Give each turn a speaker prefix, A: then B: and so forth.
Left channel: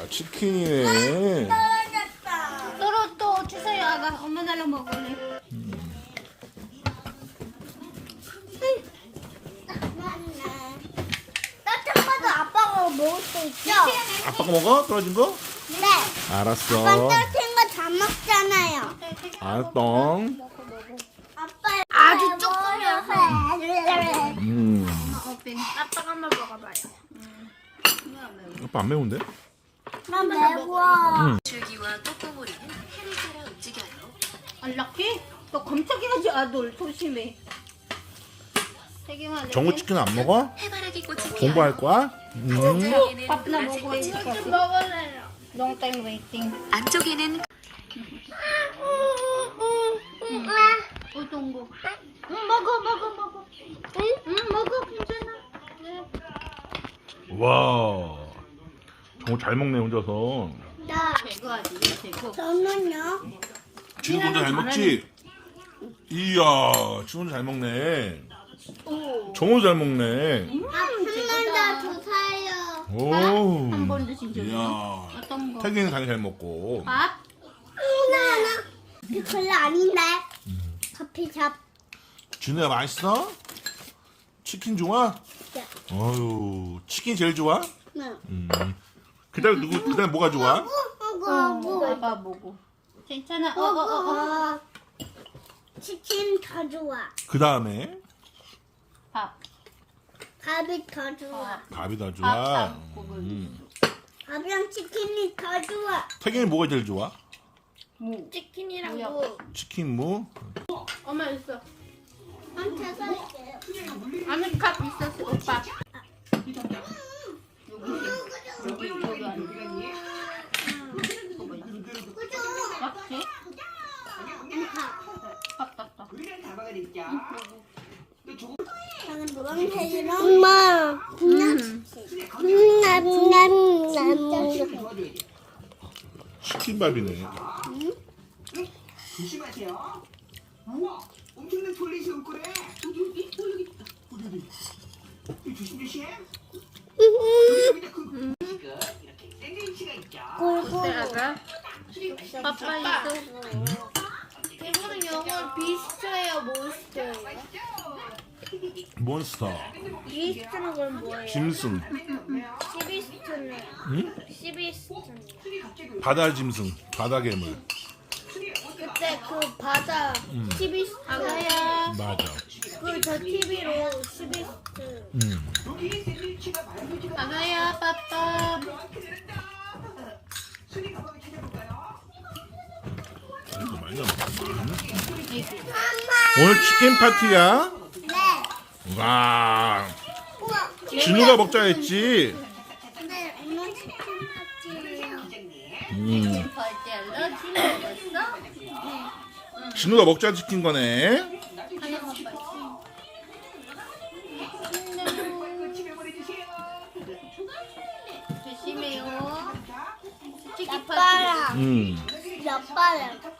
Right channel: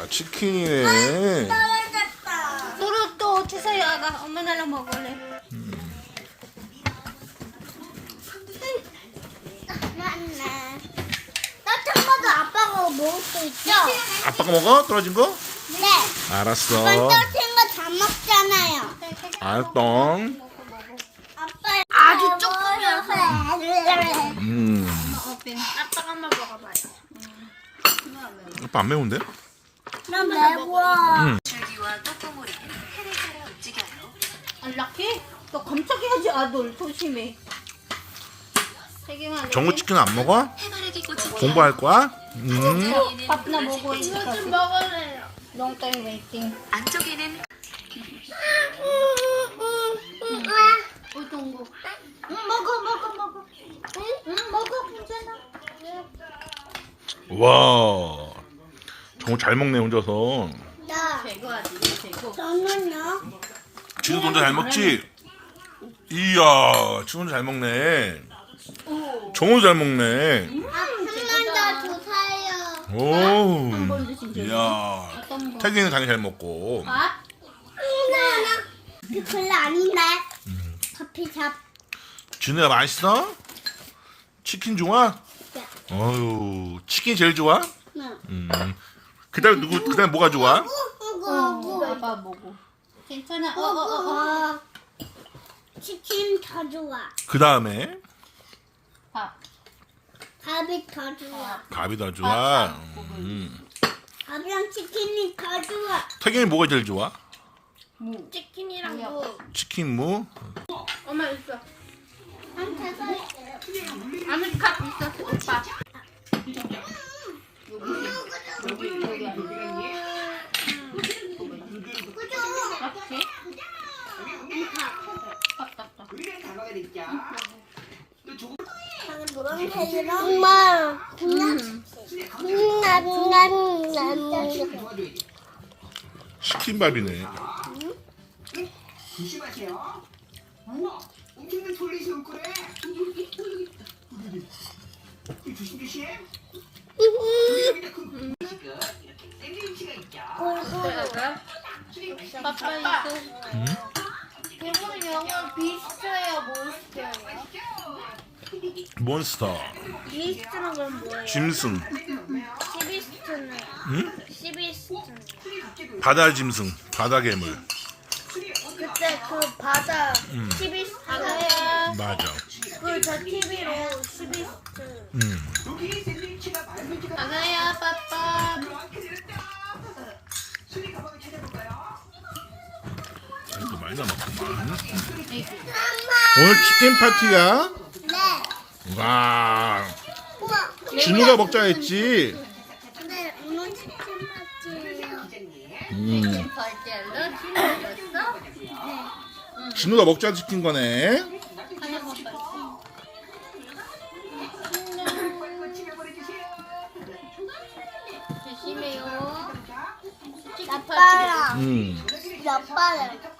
A: 치킨이네.
B: 또 주세요. 아가 엄마 나랑 먹을래.
C: 따뜻한 것도 아빠가 먹을 수 있죠?
A: 아빠가 먹어? 떨어진 거?
C: 네.
A: 알았어.
C: 아빠 따뜻한 거 다 먹잖아요.
A: 알똥.
C: 아빠 아주 조금이요.
B: 아빠가 한번 먹어봐요.
A: 아빠 안 매운데?
C: 난 매워.
D: 줄기와 꽃고무리는 해를 따라 움직여요.
B: 안락해? 너 깜짝이야지 아들 조심해. 세 개만 내.
A: 정우 치킨 안 먹어?
D: 해바라기 꽃이
A: 공부할 거야?
B: 밥나 먹어야지.
C: 좀 먹을래요.
B: Long time waiting.
D: 안쪽에는
B: 어떤 거? 먹어. 먹어 괜찮아.
A: 와. 정우 잘 먹네 혼자서.
B: 제거 아주 제거.
C: 저는요.
A: 지금 혼자 잘 먹지? 이야, 지금 혼자 잘 먹네. 정우 잘 먹네.
C: 한 남자 두 살요.
A: 오.
B: 한 번 드신 적이?
A: 이야.
B: 어떤 거?
A: 태기는 당연히 잘 먹고.
B: 밥?
C: 나 별로 아닌데. 커피숍.
A: 진우야 맛있어? 치킨 좋아?
C: 네.
A: 어유, 치킨 제일 좋아?
C: 응.
A: 그다음 누구? 그다음 뭐가 좋아?
B: 아빠 먹어. 괜찮아.
C: 치킨 더 좋아.
A: 그 다음에
B: 밥.
C: 밥이 더 좋아.
A: 밥이 더 좋아.
C: 밥이랑 치킨이 더 좋아.
A: 태경이 뭐가 제일 좋아?
B: 무.
C: 치킨이랑
B: 뭐야?
C: 무.
A: 치킨 무?
B: 엄마 있어.
C: 한테서
B: 아메리카 있었어 오빠. 여기 아니야. 이렇게? 밥.
C: 엄마.
A: 치킨밥이네.
E: 조심하세요. 우와, 엄청난 돌리시 올 거래. 조심. 여기다 그 지금 이렇게 샌드위치가 있죠.
B: 아빠 있어.
C: 이거는 영어 비스트예요, 몬스터예요?
A: 몬스터.
C: 비스트는 그럼 뭐예요?
A: 짐승.
C: 시비스트는?
A: 응?
C: 시비스트는?
A: 바다 짐승. 바다 괴물.
C: 그때 그 바다 시비스트
A: 맞아.
C: 그저 TV로 시비스트
E: 여기 샌드위치가 말문지가
B: 아가야 빠빠.
E: 순위 가방을 찾아볼까요?
A: 이거 많이 남았구만. 오늘 치킨 파티야?
C: 네.
A: 와.
C: 우와.
A: 진우가 먹자 했지?
C: 네, 오늘 치킨 파티예요.
B: 벌떼 알러지 먹었어?
A: 진우가 먹자 시킨 거네.
B: 하나 먹었어. 조심해요. 치킨 파티.
C: 아빠랑
A: 음.
C: 아빠랑